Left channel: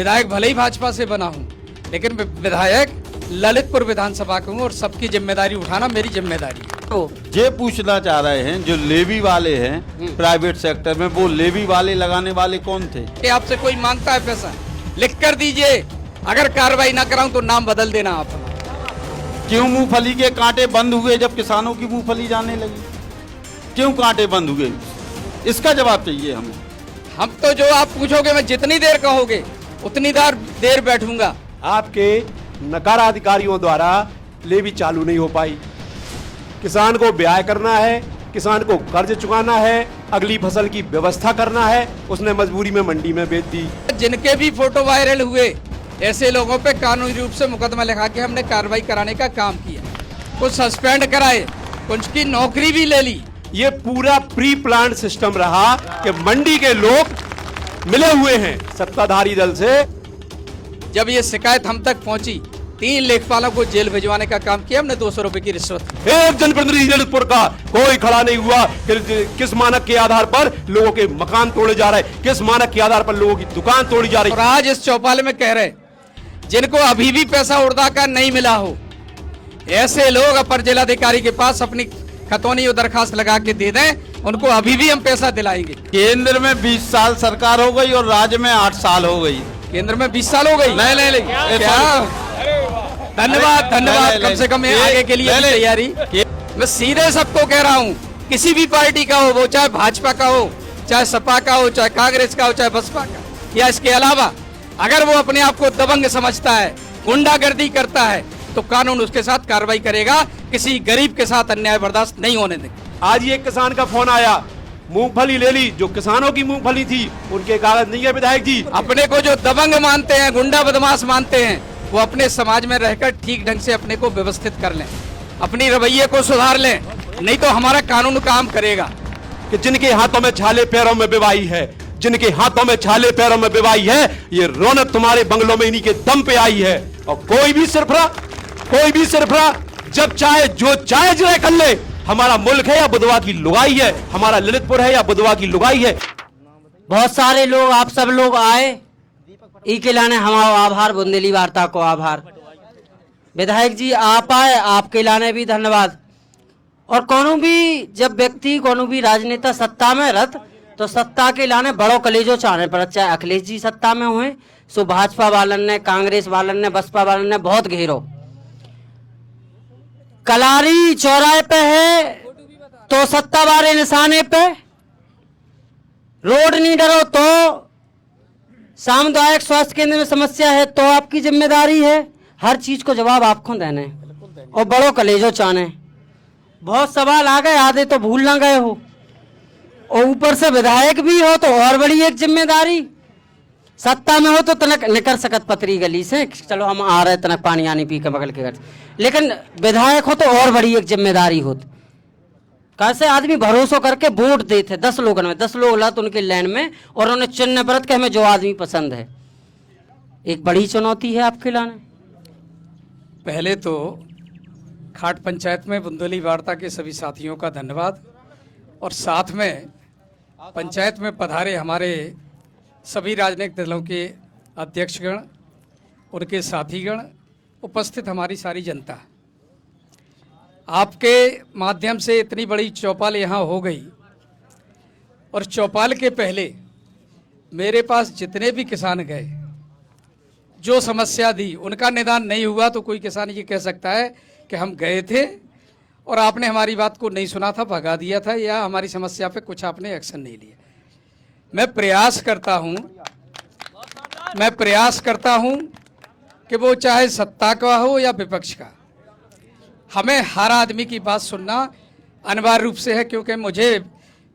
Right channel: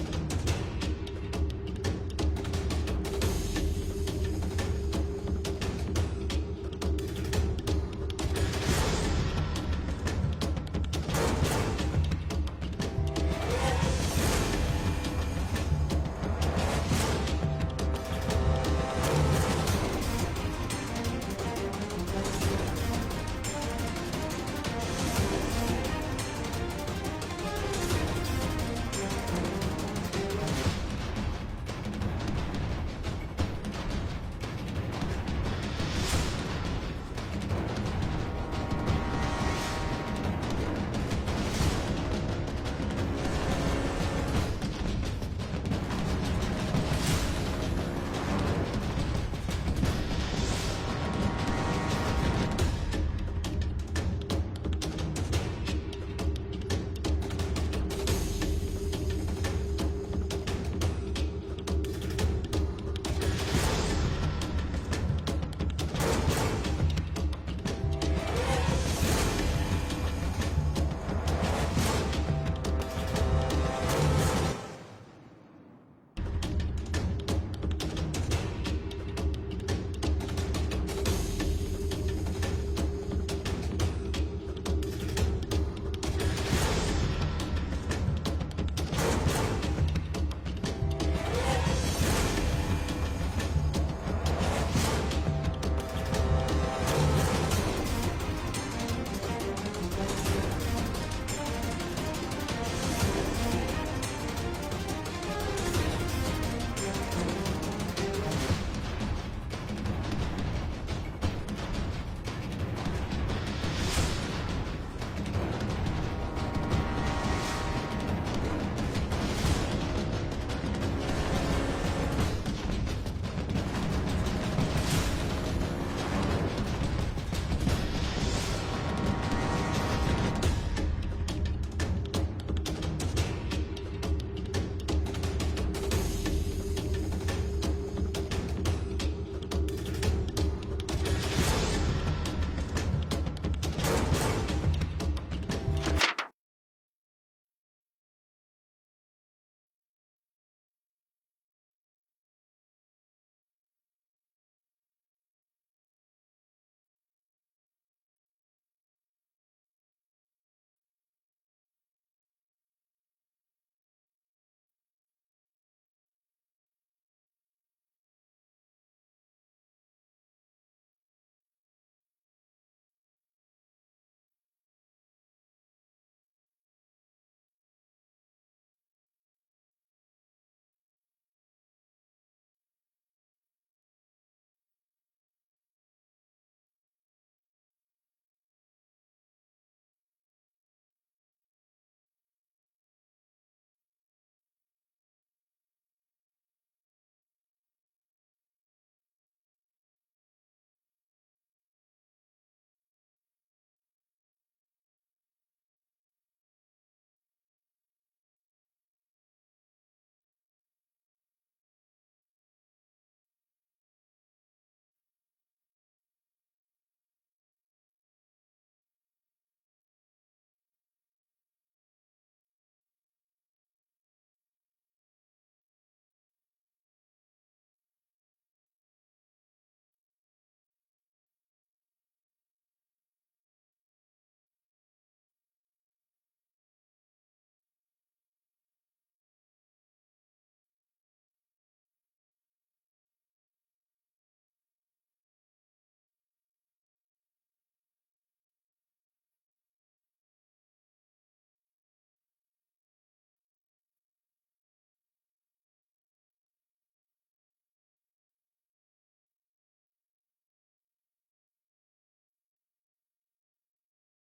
विधायक भले ही भाजपा से बना हूँ, लेकिन विधायक ललितपुर विधानसभा का हूँ और सबकी जिम्मेदारी उठाना मेरी जिम्मेदारी है। तो ये पूछना चाह रहे हैं, जो लेवी वाले हैं प्राइवेट सेक्टर में, वो लेवी वाले लगाने वाले कौन थे? कि आपसे कोई मांगता है पैसा, लिख कर दीजिए। अगर कार्रवाई ना कराऊं तो नाम बदल देना आप। क्यों मूंगफली के कांटे बंद हुए जब किसानों की मूंगफली जाने लगी? क्यों कांटे बंद हुए? इसका जवाब चाहिए हमें। हम तो जो आप पूछोगे, मैं जितनी देर कहोगे उतनी देर बैठूंगा। आपके नकारा अधिकारियों द्वारा लेवी चालू नहीं हो पाई। किसान को ब्याह करना है, किसान को कर्ज चुकाना है, अगली फसल की व्यवस्था करना है, उसने मजबूरी में मंडी में बेच दी। जिनके भी फोटो वायरल हुए, ऐसे लोगों पे कानूनी रूप से मुकदमा लिखा के हमने कार्रवाई कराने का काम किया। कुछ सस्पेंड कराए, कुछ की नौकरी भी ले ली। ये पूरा प्री प्लान सिस्टम रहा कि मंडी के लोग मिले हुए हैं सत्ताधारी दल से। जब ये शिकायत हम तक पहुंची, 3 लेखपालों को जेल भिजवाने का काम किया हमने। 200 रुपए की रिश्वत। एक जनप्रतिनिधि ललितपुर का कोई खड़ा नहीं हुआ। किस मानक के आधार पर लोगों के मकान तोड़े जा रहे, किस मानक के आधार पर लोगों की दुकान तोड़ी जा रही। और आज इस चौपाल में कह रहे, जिनको अभी भी पैसा उड़दा का नहीं मिला हो, ऐसे लोग अपर जिलाधिकारी के पास अपनी खतौनी और दरखास्त लगा के दे दें, उनको अभी भी हम पैसा दिलाएंगे। केंद्र में 20 साल सरकार हो गई और राज्य में 8 साल हो गई। केंद्र में 20 साल हो गई। नहीं क्या? धन्यवाद धन्यवाद। कम से कम आगे के लिए तैयारी। मैं सीधे सबको कह रहा हूँ, किसी भी पार्टी का हो, वो चाहे भाजपा का हो, चाहे सपा का हो, चाहे कांग्रेस का हो, चाहे बसपा का, या इसके अलावा अगर वो अपने आप को दबंग समझता है, गुंडागर्दी करता है, तो कानून उसके साथ कार्रवाई करेगा। किसी गरीब के साथ अन्याय बर्दाश्त नहीं होने देगा। आज ये किसान का फोन आया, मूंगफली ले ली, जो किसानों की मूंगफली थी उनके कागज नहीं है। विधायक जी, अपने को जो दबंग मानते हैं, गुंडा बदमाश मानते हैं, वो अपने समाज में रहकर ठीक ढंग से अपने को व्यवस्थित कर लें, अपनी रवैये को सुधार लें, नहीं तो हमारा कानून काम करेगा। कि जिनके हाथों में छाले पैरों में बेवाई है, जिनके हाथों में छाले पैरों में बेवाई है, ये रौनक तुम्हारे बंगलों में इन्हीं के दम पे आई है। और कोई भी सिरफरा जब चाहे जो चाहे जो कर ले। हमारा मुल्क है या बुधवा की लुगाई है, हमारा ललितपुर है या बुधवा की लुगाई है। बहुत सारे लोग, आप सब लोग आए, ई के लाने हमारा आभार, बुंदेली वार्ता को आभार। विधायक जी आप आए, आपके लाने भी धन्यवाद। और कोनो भी जब व्यक्ति, कोनो भी राजनेता सत्ता में रत, तो सत्ता के लाने बड़ो कलेजो चाहने पर, चाहे अखिलेश जी सत्ता में हुए, सो भाजपा वालन ने, कांग्रेस वालन ने, बसपा वालन ने बहुत घेरो। कलारी चौराहे पे है तो सत्ता वाले निशाने पे, रोड नहीं डरो तो, सामुदायिक स्वास्थ्य केंद्र में समस्या है तो आपकी जिम्मेदारी है। हर चीज को जवाब आपको देने और बड़ो कलेजो चाने। बहुत सवाल आ गए, आधे तो भूल ना गए हो, और ऊपर से विधायक भी हो तो और बड़ी एक जिम्मेदारी। सत्ता में हो तो तनक निकल सकत पतरी गली से, चलो हम आ रहे तनक पानी आनी पी के बगल के घर, लेकिन विधायक हो तो और बड़ी एक जिम्मेदारी होती। कैसे आदमी भरोसा करके वोट देते 10 लोगों में, 10 लोग लत उनके लाइन में, और उन्हें चुनने परत के हमें जो आदमी पसंद है। एक बड़ी चुनौती है आपके लाने। पहले तो खाट पंचायत में बुंदेली वार्ता के सभी साथियों का धन्यवाद, और साथ में पंचायत में पधारे हमारे सभी राजनीतिक दलों के अध्यक्षगण, उनके साथीगण, उपस्थित हमारी सारी जनता। आपके माध्यम से इतनी बड़ी चौपाल यहाँ हो गई, और चौपाल के पहले मेरे पास जितने भी किसान गए, जो समस्या दी, उनका निदान नहीं हुआ तो कोई किसान ये कह सकता है कि हम गए थे और आपने हमारी बात को नहीं सुना था, भगा दिया था, या हमारी समस्या पे कुछ आपने एक्शन नहीं लिया। मैं प्रयास करता हूं कि वो चाहे सत्ता का हो या विपक्ष का, हमें हर आदमी की बात सुनना अनिवार्य रूप से है। क्योंकि मुझे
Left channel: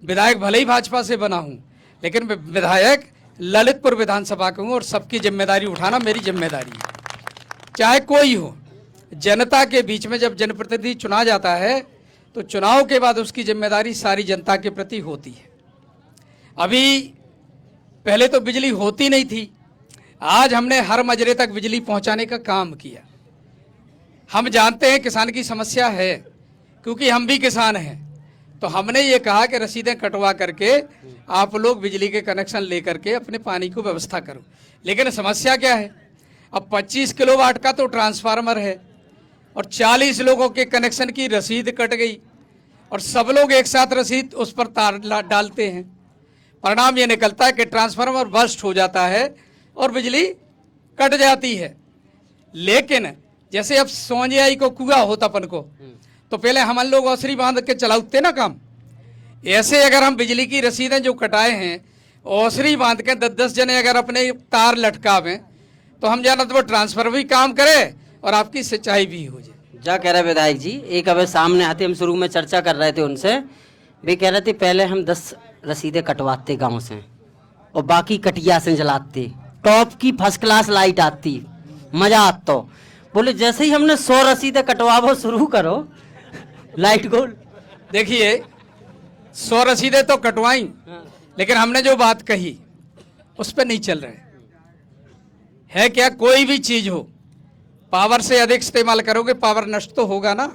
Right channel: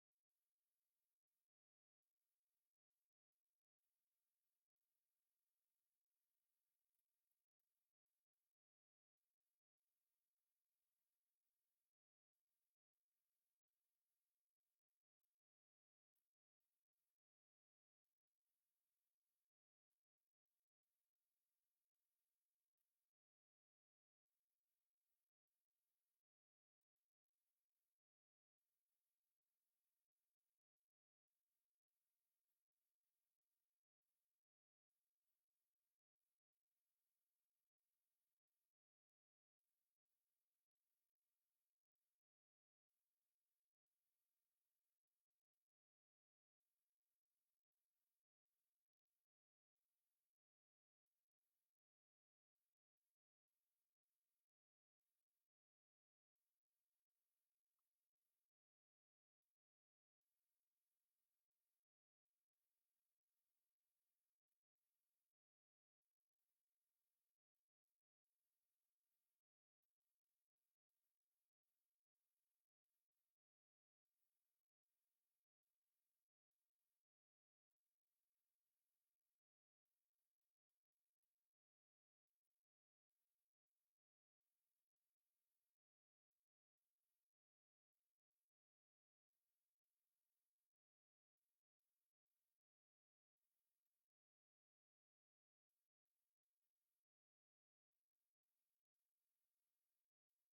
विधायक भले ही भाजपा से बना हूं, लेकिन विधायक ललितपुर विधानसभा का हूं और सबकी जिम्मेदारी उठाना मेरी जिम्मेदारी है, चाहे कोई हो। जनता के बीच में जब जनप्रतिनिधि चुना जाता है तो चुनाव के बाद उसकी जिम्मेदारी सारी जनता के प्रति होती है। अभी पहले तो बिजली होती नहीं थी, आज हमने हर मजरे तक बिजली पहुंचाने का काम किया। हम जानते हैं किसान की समस्या है, क्योंकि हम भी किसान हैं, तो हमने ये कहा कि रसीदें कटवा करके आप लोग बिजली के कनेक्शन लेकर के अपने पानी को व्यवस्था करो। लेकिन समस्या क्या है, अब 25 किलोवाट का तो ट्रांसफार्मर है और 40 लोगों के कनेक्शन की रसीद कट गई और सब लोग एक साथ रसीद उस पर तार डालते हैं। परिणाम ये निकलता है कि ट्रांसफार्मर बर्स्ट हो जाता है और बिजली कट जाती है। लेकिन जैसे अब सोंजियाई को कुआ होता अपन को, तो पहले हम लोग औसरी बांध के चलाते ना काम, ऐसे अगर हम बिजली की रसीदें जो कटाए हैं औसरी बांध के 10-10 जने अगर अपने तार लटकावें तो हम जाना तो वो ट्रांसफर भी काम करे और आपकी सिंचाई भी हो जाए। जा कह रहे विधायक जी, एक अब सामने आते, हम शुरू में चर्चा कर रहे थे उनसे, वे कह रहे थे पहले हम 10 रसीदें कटवाते गांव से और बाकी कटिया से जलाते, टॉप की फर्स्ट क्लास लाइट आती, मजा आता। बोले जैसे ही हमने 100 रसीदें कटवाओ शुरू करो लाइट गोल। देखिए 100 रसीदें तो कटवाई, लेकिन हमने जो बात कही उस पर नहीं चल रहे है। क्या कोई भी चीज हो पावर से अधिक इस्तेमाल करोगे पावर नष्ट तो होगा ना।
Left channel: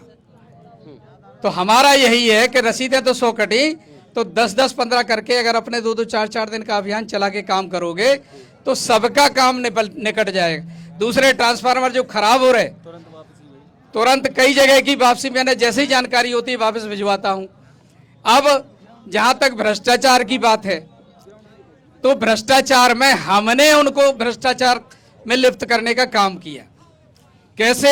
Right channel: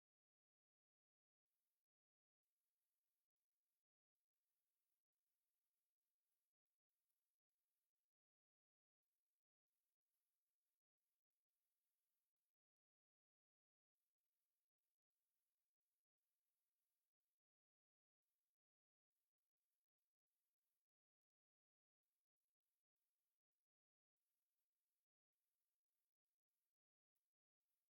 तो हमारा यही है कि रसीदें तो 100 कटी, तो 10-10, 15 करके अगर अपने 2-2, 4-4 दिन का अभियान चला के काम करोगे तो सबका काम निकट जाएगा। दूसरे ट्रांसफार्मर जो खराब हो रहे तुरंत कई जगह की वापसी मैंने जैसे ही जानकारी होती है वापस भिजवाता हूं। अब जहां तक भ्रष्टाचार की बात है तो भ्रष्टाचार में हमने उनको भ्रष्टाचार में लिप्त करने का काम किया। कैसे?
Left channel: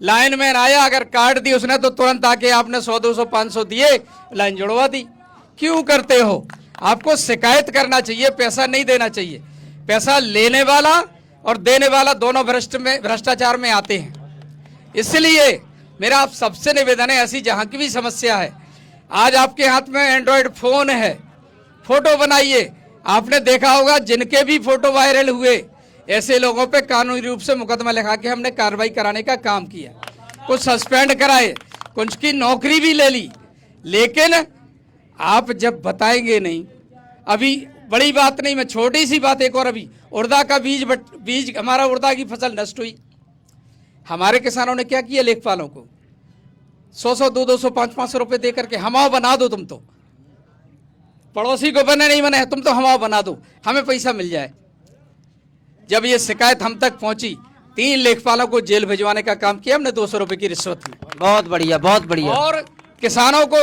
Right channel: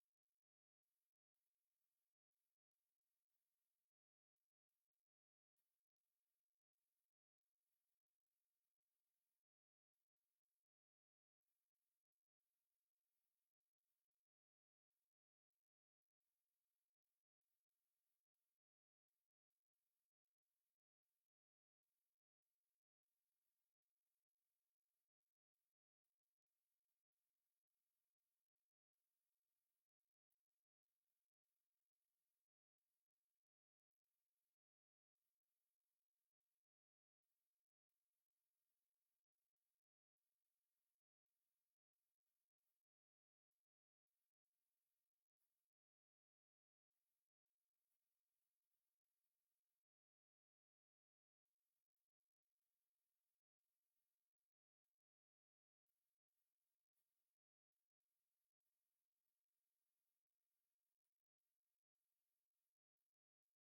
लाइन मैन आया, अगर कार्ड दी उसने तो तुरंत आके आपने 100, 200, 500 दिए, लाइन जुड़वा दी। क्यों करते हो? आपको शिकायत करना चाहिए, पैसा नहीं देना चाहिए। पैसा लेने वाला और देने वाला दोनों भ्रष्टाचार में आते हैं। इसलिए मेरा आप सबसे निवेदन है, ऐसी जहां की भी समस्या है, आज आपके हाथ में एंड्रॉयड फोन है, फोटो बनाइए। आपने देखा होगा जिनके भी फोटो वायरल हुए ऐसे लोगों पे कानूनी रूप से मुकदमा लिखा के हमने कार्रवाई कराने का काम किया, कुछ सस्पेंड कराए, कुछ की नौकरी भी ले ली। लेकिन आप जब बताएंगे नहीं, अभी बड़ी बात नहीं, मैं छोटी सी बात एक और, अभी उड़दा का बीज हमारा उड़दा की फसल नष्ट हुई। हमारे किसानों ने क्या किया, लेखपालों को 100-100, 200-200, 500-500 रुपए दे करके हमाओ बना दो, तुम तो पड़ोसी को बने नहीं बने, तुम तो हमाओ बना दो, हमें पैसा मिल जाए। जब ये शिकायत हम तक पहुंची 3 लेखपालों को जेल भिजवाने का काम किया हमने 200 रुपए की रिश्वत में। बहुत बढ़िया, बहुत बढ़िया। और किसानों को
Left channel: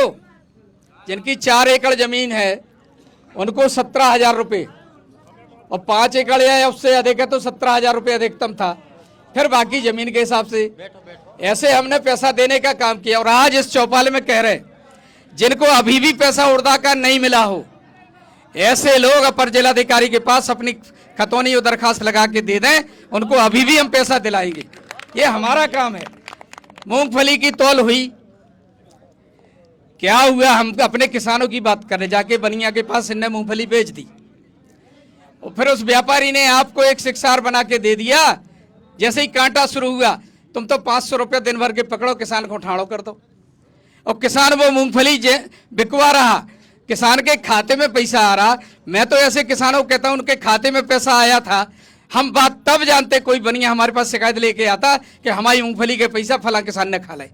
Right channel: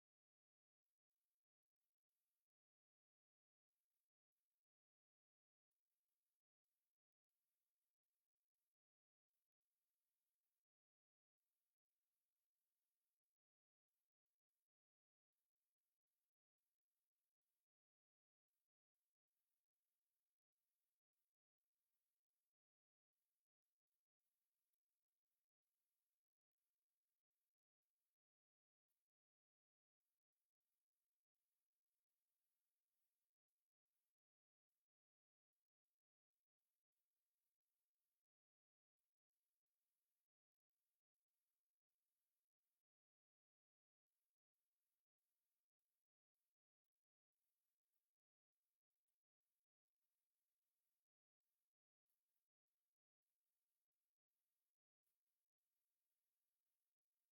जिनकी 4 एकड़ जमीन है उनको 17,000 रुपए, और 5 एकड़ या उससे अधिक है तो 17,000 रुपए अधिकतम था, फिर बाकी जमीन के हिसाब से ऐसे हमने पैसा देने का काम किया। और आज इस चौपाल में कह रहे जिनको अभी भी पैसा उड़दा का नहीं मिला हो, ऐसे लोग अपर जिलाधिकारी के पास अपनी खतौनी और दरखास्त लगा के दे दें, उनको अभी भी हम पैसा दिलाएंगे। ये हमारा काम है। मूंगफली की तौल हुई, क्या हुआ, हम अपने किसानों की बात करें, जाके बनिया के पास इनने मूंगफली बेच दी और फिर उस व्यापारी ने आपको एक शिक्षार बना के दे दिया। जैसे ही कांटा शुरू हुआ, तुम तो 500 रुपये दिन भर के पकड़ो, किसान को ठाड़ो कर दो, और किसान वो मूंगफली बिकवा रहा, किसान के खाते में पैसा आ रहा। मैं तो ऐसे किसानों को कहता हूं उनके खाते में पैसा आया था, हम बात तब जानते, कोई बनिया हमारे पास शिकायत लेके आता कि हमारी मूंगफली के पैसा फला किसान ने खा लाए,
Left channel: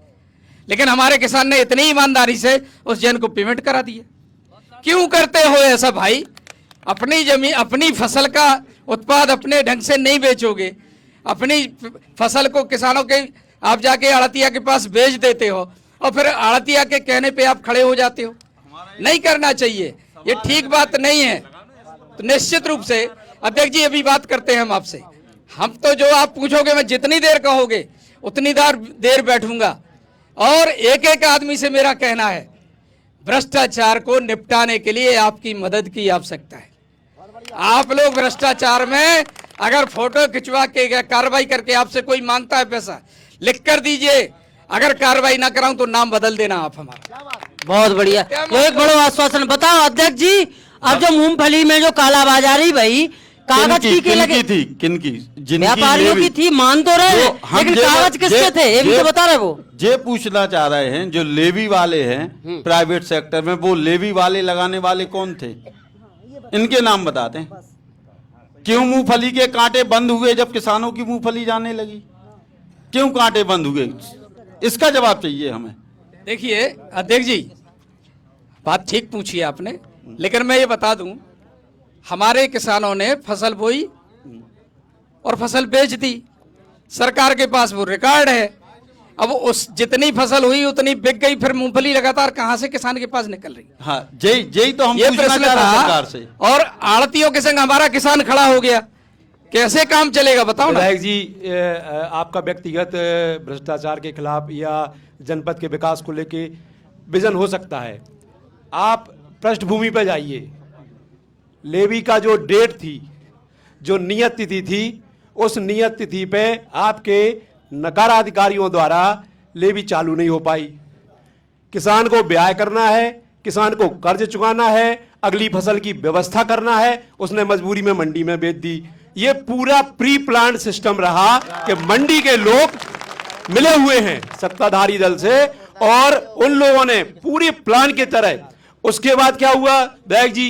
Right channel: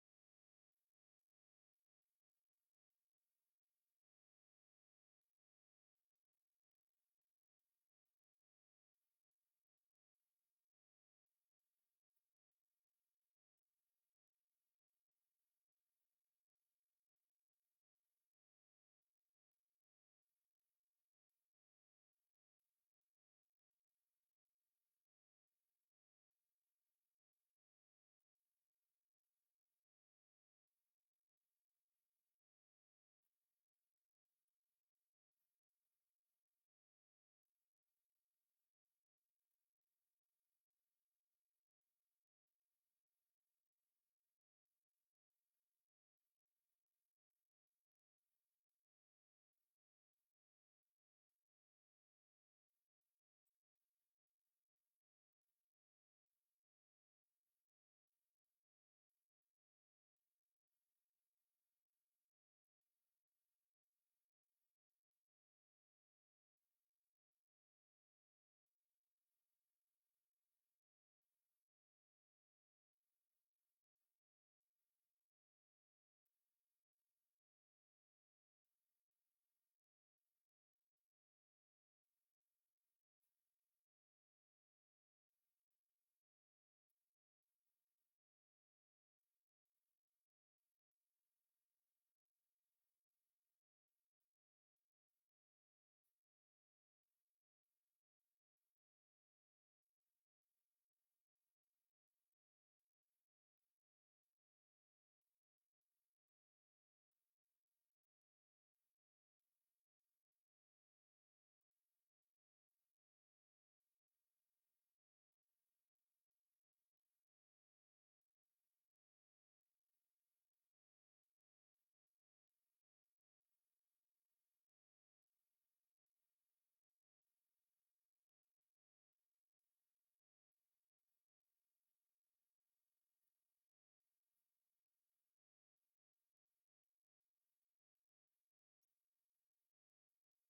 लेकिन हमारे किसान ने इतनी ईमानदारी से उस जन को पेमेंट करा दिया। क्यों करते हो ऐसा भाई? अपनी जमीन, अपनी फसल का उत्पाद अपने ढंग से नहीं बेचोगे, अपनी फसल को किसानों के आप जाके आड़तिया के पास बेच देते हो और फिर आड़तिया के कहने पे आप खड़े हो जाते हो। नहीं करना चाहिए, ये ठीक बात नहीं है। तो निश्चित रूप से अध्यक्ष जी अभी बात करते हैं हम आपसे, हम तो जो आप पूछोगे मैं जितनी देर कहोगे उतनी देर बैठूंगा। और एक एक आदमी से मेरा कहना है, भ्रष्टाचार को निपटाने के लिए आपकी मदद की आवश्यकता है। आप लोग भ्रष्टाचार में अगर फोटो खिंचवा के कार्रवाई करके आपसे कोई मांगता है पैसा, लिख कर दीजिए, अगर कार्रवाई ना कराऊं तो नाम बदल देना आप हमारा। बहुत बढ़िया, तो एक बड़ा आश्वासन। बताओ अध्यक्ष जी, अब जो मूंगफली में जो कालाबाजारी भाई, कागज की लगे थी, किनकी? व्यापारियों की थी, मान तो रहे, लेकिन कागज किसके थे ये भी तो बता रहे। वो ये पूछना चाह रहे हैं, जो लेवी वाले हैं प्राइवेट सेक्टर में, वो लेवी वाले लगाने वाले कौन थे? इनके नाम बताते हैं। क्यों मूंगफली के कांटे बंद हुए जब किसानों की मूंगफली जाने लगी? क्यों कांटे बंद हुए? इसका जवाब चाहिए हमें। देखिए अध्यक्ष जी, बात ठीक पूछी आपने, लेकिन मैं ये बता दूं, हमारे किसानों ने फसल बोई और फसल बेच दी। सरकार के पास वो रिकॉर्ड है। अब उस जितनी फसल हुई उतनी बिक गई, फिर मूंगफली लगातार कहां से किसान के पास निकल रही? हाँ, यही तो हम ये पूछना प्रश्न चाह रहे हैं था। सरकार से। और आड़तियों के संग हमारा किसान खड़ा हो गया, कैसे काम चलेगा बताओ ना। विधायक जी, आपका व्यक्तिगत भ्रष्टाचार के खिलाफ या जनपद के विकास को लेके विजन हो सकता है। आप पृष्ठभूमि पर जाइए। लेवी का जो डेट थी, जो नियत तिथि थी, उस नियत तिथि पे आपके नकारा अधिकारियों द्वारा लेवी चालू नहीं हो पाई। किसान को ब्याह करना है, किसान को कर्ज चुकाना है, अगली फसल की व्यवस्था करना है, उसने मजबूरी में मंडी में बेच दी। ये पूरा प्री प्लान सिस्टम रहा कि मंडी के लोग मिले हुए हैं सत्ताधारी दल से और उन लोगों ने पूरी प्लान के तरह। उसके बाद क्या हुआ विधायक जी,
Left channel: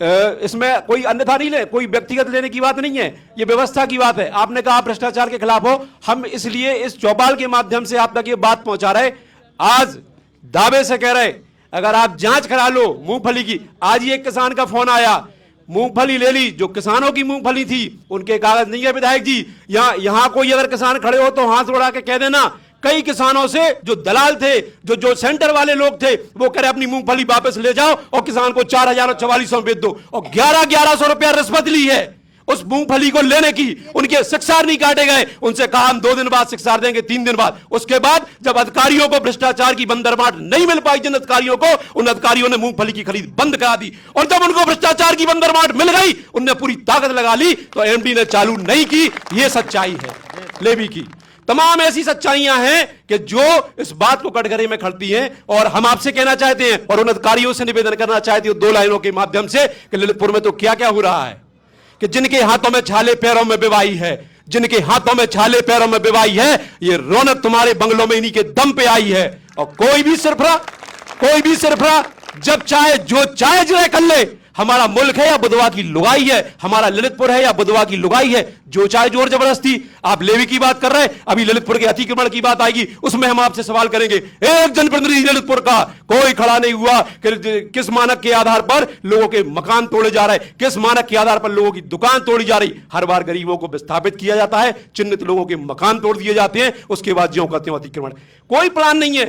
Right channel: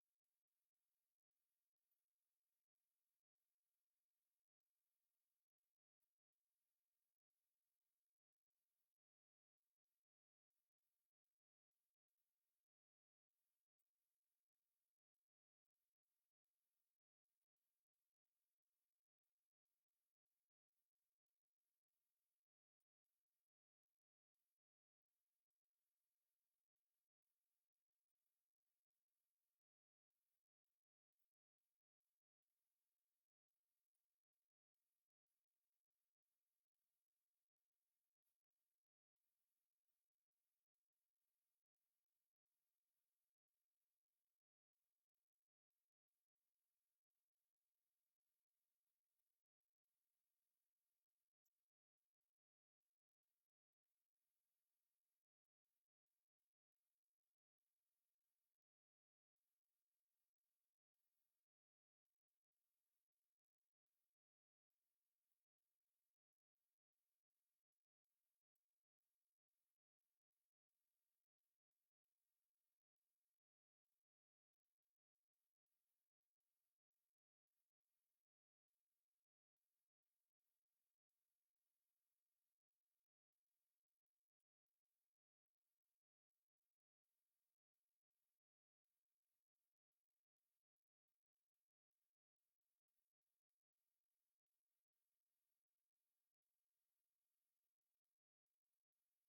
इसमें कोई अन्यथा नहीं ले, कोई व्यक्तिगत लेने की बात नहीं है, ये व्यवस्था की बात है। आपने कहा आप भ्रष्टाचार के खिलाफ हो, हम इसलिए इस चौपाल के माध्यम से आप तक ये बात पहुंचा रहे। आज दावे से कह रहे अगर आप जांच करा लो मूंगफली की। आज ही एक किसान का फोन आया, मूंगफली ले ली, जो किसानों की मूंगफली थी उनके कागज नहीं है विधायक जी। यहां कोई अगर किसान खड़े हो तो हाथ उड़ा के कह देना, कई किसानों से जो दलाल थे, जो सेंटर वाले लोग थे, वो कह रहे अपनी मूंगफली वापस ले जाओ और किसान को 4,000 और 4,400 बेच दो, और 1100 रुपया रिश्वत ली है उस मूंगफली को लेने की। उनके शिक्षार नहीं काटे गए, उनसे कहा हम 2 दिन बाद शिक्षार देंगे, 3 दिन बाद। उसके बाद जब अधिकारियों को भ्रष्टाचार की बंदरबाट नहीं मिल पाई, जिन अधिकारियों को, उन अधिकारियों ने मूंगफली की खरीद बंद करा दी। और जब उनको भ्रष्टाचार की बंदरबाट मिल गई, उनने पूरी ताकत लगा ली, तो एमडी ने चालू नहीं की। यह सच्चाई है लेवी की। तमाम ऐसी सच्चाइयां हैं कि जो इस बात को कटघरे में खड़ती हैं। और हम आपसे कहना चाहते हैं और उन अधिकारियों से निवेदन करना चाहते हैं 2 लाइनों के माध्यम से कि ललितपुर में तो क्या क्या हो रहा है कि जिनके हाथों में छाले पैरों में बिवाई है, जिनके हाथों में छाले पैरों में बिवाई है, ये रौनक तुम्हारे बंगलों में इन्हीं के दम पे आई है। और कोई भी सिरफरा जब चाहे जो चाहे जो कर ले। हमारा मुल्क है या बुधवा की लुगाई है, हमारा ललितपुर है या बुधवा की लुगाई है, जो चाहे जोर जबरदस्ती। आप लेवी की बात कर रहे हैं, अभी ललितपुर के अतिक्रमण की बात आएगी, उसमें हम आपसे सवाल करेंगे। एक जनप्रतिनिधि ललितपुर का कोई खड़ा नहीं हुआ कि किस मानक के आधार पर लोगों के मकान तोड़े जा रहे हैं, किस मानक के आधार पर लोगों की दुकान तोड़ी जा रही। हर बार गरीबों को विस्थापित किया जाता है, चिन्हित लोगों के मकान तोड़ दिए जाते हैं, उसके बाद ज्यों कहते हैं अतिक्रमण। कोई प्लान नहीं है,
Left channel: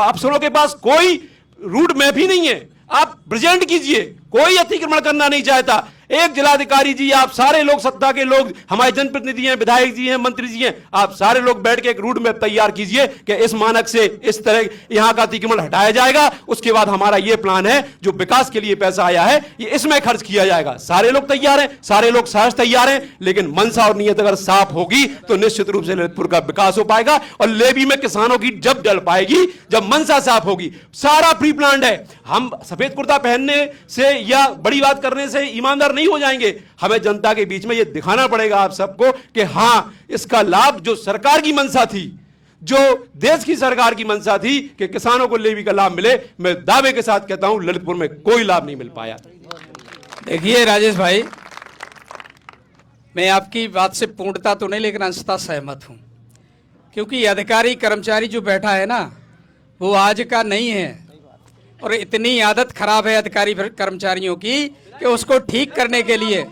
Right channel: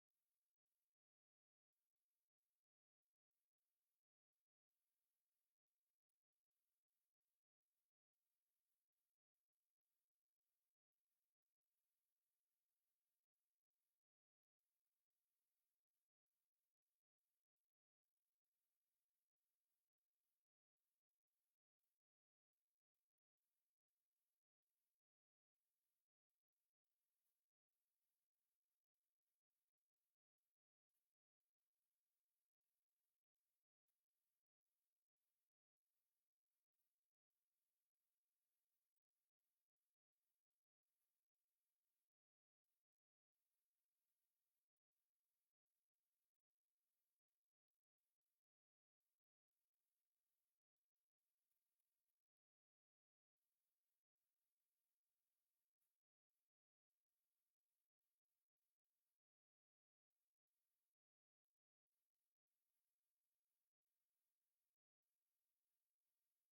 अफसरों के पास कोई रूट मैप ही नहीं है। आप प्रेजेंट कीजिए, कोई अतिक्रमण करना नहीं चाहता। एक जिलाधिकारी जी, आप सारे लोग, सत्ता के लोग, हमारे जनप्रतिनिधि हैं, विधायक जी हैं, मंत्री जी हैं, आप सारे लोग बैठ के एक रूट मैप तैयार कीजिए कि इस मानक से इस तरह यहां का अतिक्रमण हटाया जाएगा। उसके बाद हमारा यह प्लान है, जो विकास के लिए पैसा आया है, ये इसमें खर्च किया जाएगा। सारे लोग तैयार हैं, सारे लोग सहज तैयार हैं, लेकिन मनसा और नीयत अगर साफ होगी तो निश्चित रूप से ललितपुर का विकास हो पाएगा। और लेवी में किसानों की जब जल पाएगी, जब मनसा साफ होगी। सारा प्री प्लान्ड है। हम सफेद कुर्ता पहनने से या बड़ी बात करने से ईमानदार नहीं हो जाएंगे। हमें जनता के बीच में यह दिखाना पड़ेगा आप सबको कि हां, इसका लाभ जो सरकार की मंशा थी, जो देश की सरकार की मंशा थी कि किसानों को लेवी का लाभ मिले, मैं दावे के साथ कहता हूं ललितपुर में कोई लाभ नहीं मिल पाया। देखिए राजेश भाई, मैं आपकी बात से पूर्णता तो नहीं लेकिन अंशतः सहमत हूं, क्योंकि अधिकारी कर्मचारी जो बैठा है ना, वो आज का नहीं है। और इतनी आदत खराब है अधिकारी कर्मचारियों की कि उसको ठीक करने के लिए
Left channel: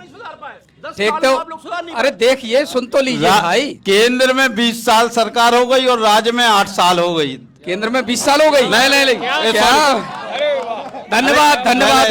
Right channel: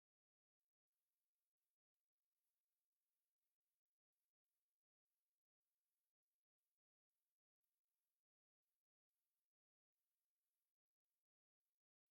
देख तो, अरे देखिए, सुन तो लीजिए भाई। केंद्र में 20 साल सरकार हो गई और राज्य में 8 साल हो गई। केंद्र में 20 साल हो गई? नहीं, क्या? धन्यवाद,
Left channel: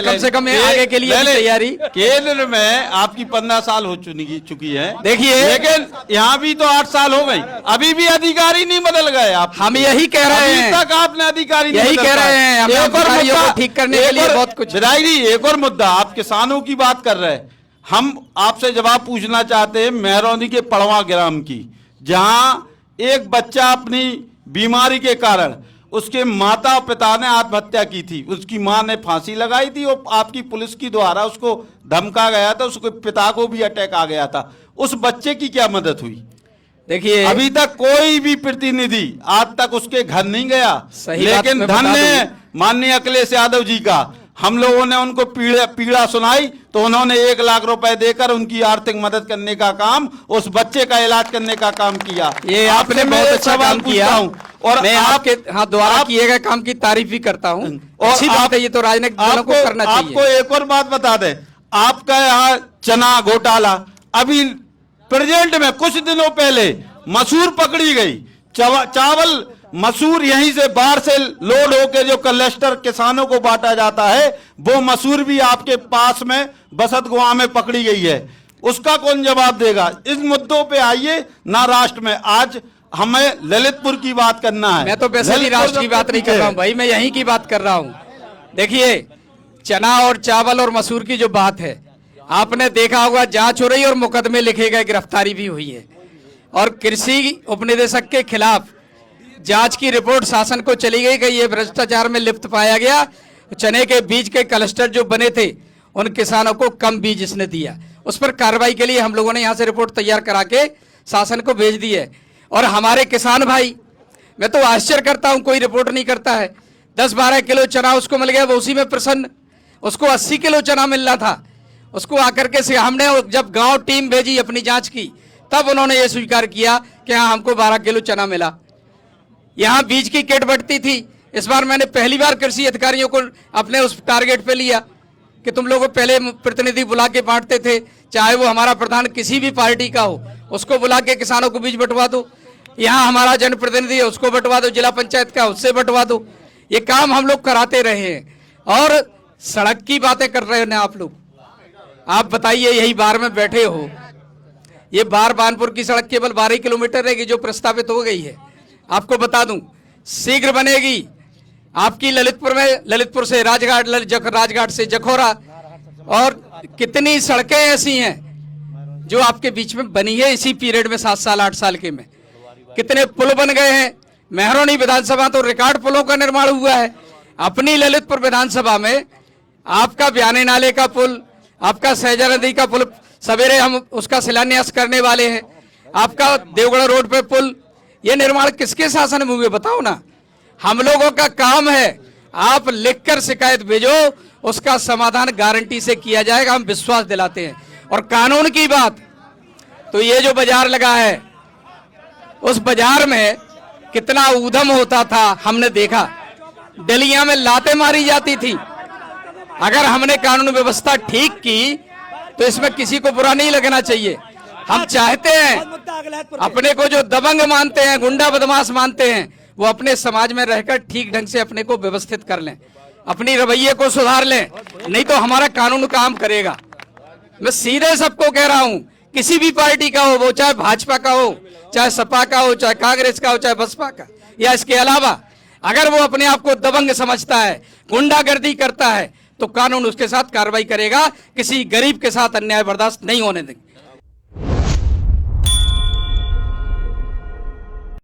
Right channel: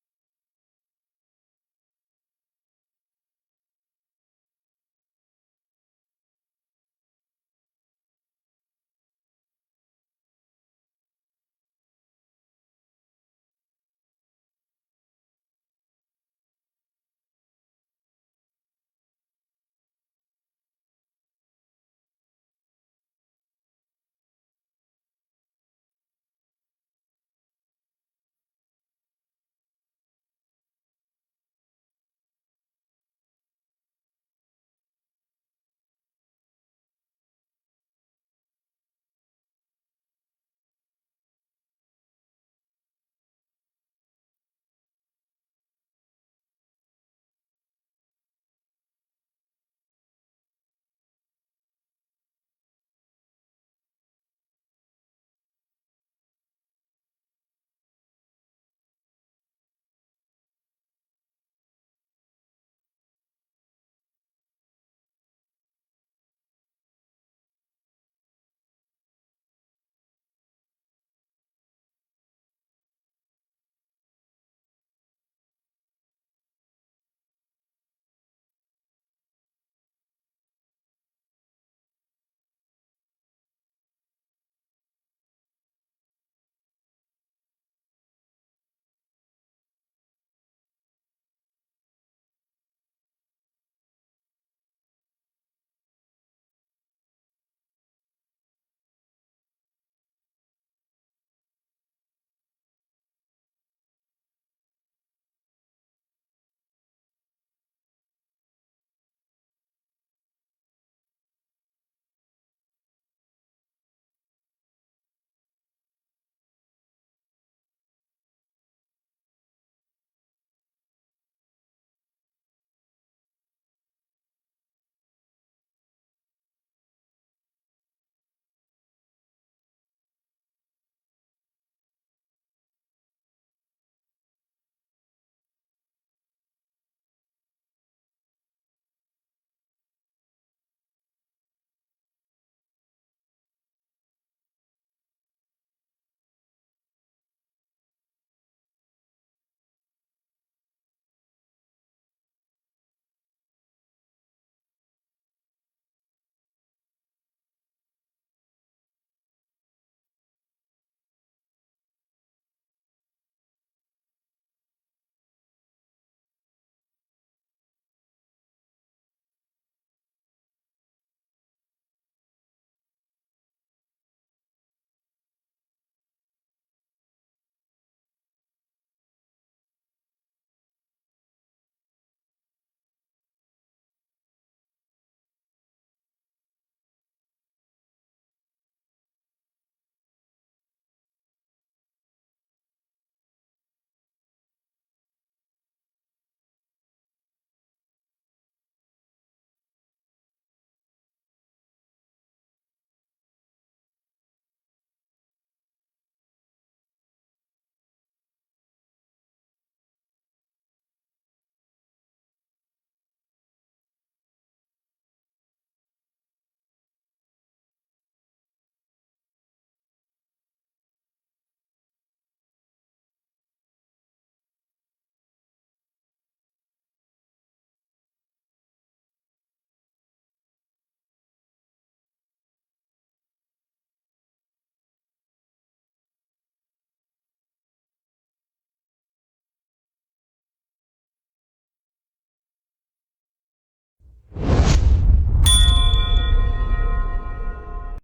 कम से कम आगे के लिए तैयारी। केंद्र में आपकी 15 साल हो चुकी है, देखिए, लेकिन यहाँ भी तो 8 साल हो गई, अभी भी अधिकारी नहीं बदल गए। आप हम यही कह रहे हैं, अभी तक आपने अधिकारी यही कह रहे हैं, हम अधिकारियों को ठीक करने के लिए बहुत कुछ। विधायक जी, एक और मुद्दा, आप किसानों की बात कर रहे हैं, हम आपसे जवाब पूछना चाहते हैं मेहरौनी के पड़वा ग्राम की, जहां एक बच्चा अपनी बीमारी के कारण, उसके माता पिता ने आत्महत्या की थी, उसकी मां ने फांसी लगाई थी और आपकी पुलिस की द्वारा उसको धमका गया था, उसके पिता को भी अटैक आ गया था। उस बच्चे की क्या मदद हुई? देखिए, अभी तक कोई भी प्रतिनिधि आज तक उसके घर नहीं गया। लेकिन धन्य माननीय अखिलेश यादव जी का, हम लोगों ने उनको पीड़ा सुनाई तो उन्होंने 1 लाख रुपए देकर उनकी आर्थिक मदद करने का काम, उस बच्चे का इलाज करने का काम किया। ये आपने बहुत अच्छा काम किया और मैं आपके द्वारा किए गए काम की तारीफ भी करता हूँ। अच्छी बात है, ये तो राजनीतिक दलों को करना चाहिए। आपको एक और बात बता दें, आपका यहाँ चना घोटाला, अभी प्रेजेंट में कुछ दिनों पहले मसूर पकड़ी गई, चावल मसूर यहीं से बाहर से लोड होके जो क्लस्टर किसानों को बांटा जाता है, वो मसूर भी आपके पास में बसत गांव में पकड़ी गई है। उसका कौन जवाब देगा? इस मुद्दों पे आइए ना राष्ट्र में। आज हमें ललितपुर की बात करना है। मैं तो वैसे भी राष्ट्र की बात नहीं कर रहा हूं भाई, मैं यहीं की बात कर रहा हूं। देखिए, चना और चावल और मसूर की जो बात है, आपने देखा होगा जांच हो रही है और मुकदमे लिखे गए, गिरफ्तारी भी हुई है। और कृषि उपनिदेशक के खिलाफ जांच की रिपोर्ट शासन को चली गई कि ये भ्रष्टाचार में लिप्त पाया गया। चने के बीज के क्लस्टर जो बने थे, उन किसानों को कम बीज इसने दिया। उस पर कार्रवाई के लिए हम लोगों ने यहाँ से रिपोर्ट तैयार करा के शासन को भेज दी है। और हमारे किसान भाई, मैं तो आश्चर्य करता हूँ, कोई रिपोर्ट नहीं करता है। 10-12 किलो चना उसको मिल गया, वो उसी में प्रसन्न। उसको 80 किलो चना मिल रहा था, उसको आकर के हमने जब गांव टीम भेजी अपनी जांच की, तब उन्होंने ये स्वीकार किया कि हाँ हमको 12 किलो चना मिला। यहाँ बीज की किट बढ़ती थी। इस बार मैंने पहली बार कृषि अधिकारियों को अपने उस टारगेट पे लिया कि तुम लोग पहले प्रतिनिधि बुला के बांटते थे, चाहे वो हमारा प्रधान किसी भी पार्टी का हो, उसको बुला के किसानों को बीज बंटवा दो। यहाँ हमारा जनप्रतिनिधि है, उसको बंटवा दो, जिला पंचायत का उससे बंटवा दो। ये काम हम लोग कराते रहे हैं। और सड़क की बातें कर रहे हैं ना आप लोग। आप बताइए, यही बार में बैठे हो, ये बार बानपुर की सड़क केवल 12 किलोमीटर रहेगी जो प्रस्तावित हो गई है। आपको बता दूं, शीघ्र बनेगी। आपकी ललितपुर में, ललितपुर से राजघाट, राजघाट से जखोरा, और कितनी सड़कें ऐसी हैं जो आपके बीच में बनी है इसी पीरियड में, 7 साल 8 साल के में। कितने पुल बन गए हैं। मेहरौनी विधानसभा तो रिकॉर्ड पुलों का निर्माण हुआ है। अपनी ललितपुर विधानसभा में आपका बयाने नाले का पुल, आपका सहजा नदी का पुल, सवेरे हम उसका शिलान्यास करने वाले हैं। आपका देवगढ़ रोड पे पुल, ये निर्माण किसके शासन में हुए बताओ ना। हम लोगों का काम है, आप लिखकर शिकायत भेजो, उसका समाधान गारंटी से किया जाएगा, हम विश्वास दिलाते हैं। और कानून की बात, तो ये जो बाजार लगा है, उस बाजार में कितना ऊधम होता था हमने देखा। डलियां में लातें मारी जाती थी। अगर हमने कानून व्यवस्था ठीक की तो इसमें किसी को बुरा नहीं लगना चाहिए। हम चाहते हैं अपने को जो दबंग मानते हैं, गुंडा बदमाश मानते हैं, वो अपने समाज में रहकर ठीक ढंग से अपने को व्यवस्थित कर लें, अपनी रवैये को सुधार लें, नहीं तो हमारा कानून काम करेगा। मैं सीधे सबको कह रहा हूं, किसी भी पार्टी का हो, वो चाहे भाजपा का हो, चाहे सपा का हो, चाहे कांग्रेस का हो, चाहे बसपा का, या इसके अलावा अगर वो अपने आप को दबंग समझता है, गुंडागर्दी करता है, तो कानून उसके साथ कार्रवाई करेगा। किसी गरीब के साथ अन्याय बर्दाश्त नहीं होने देंगे।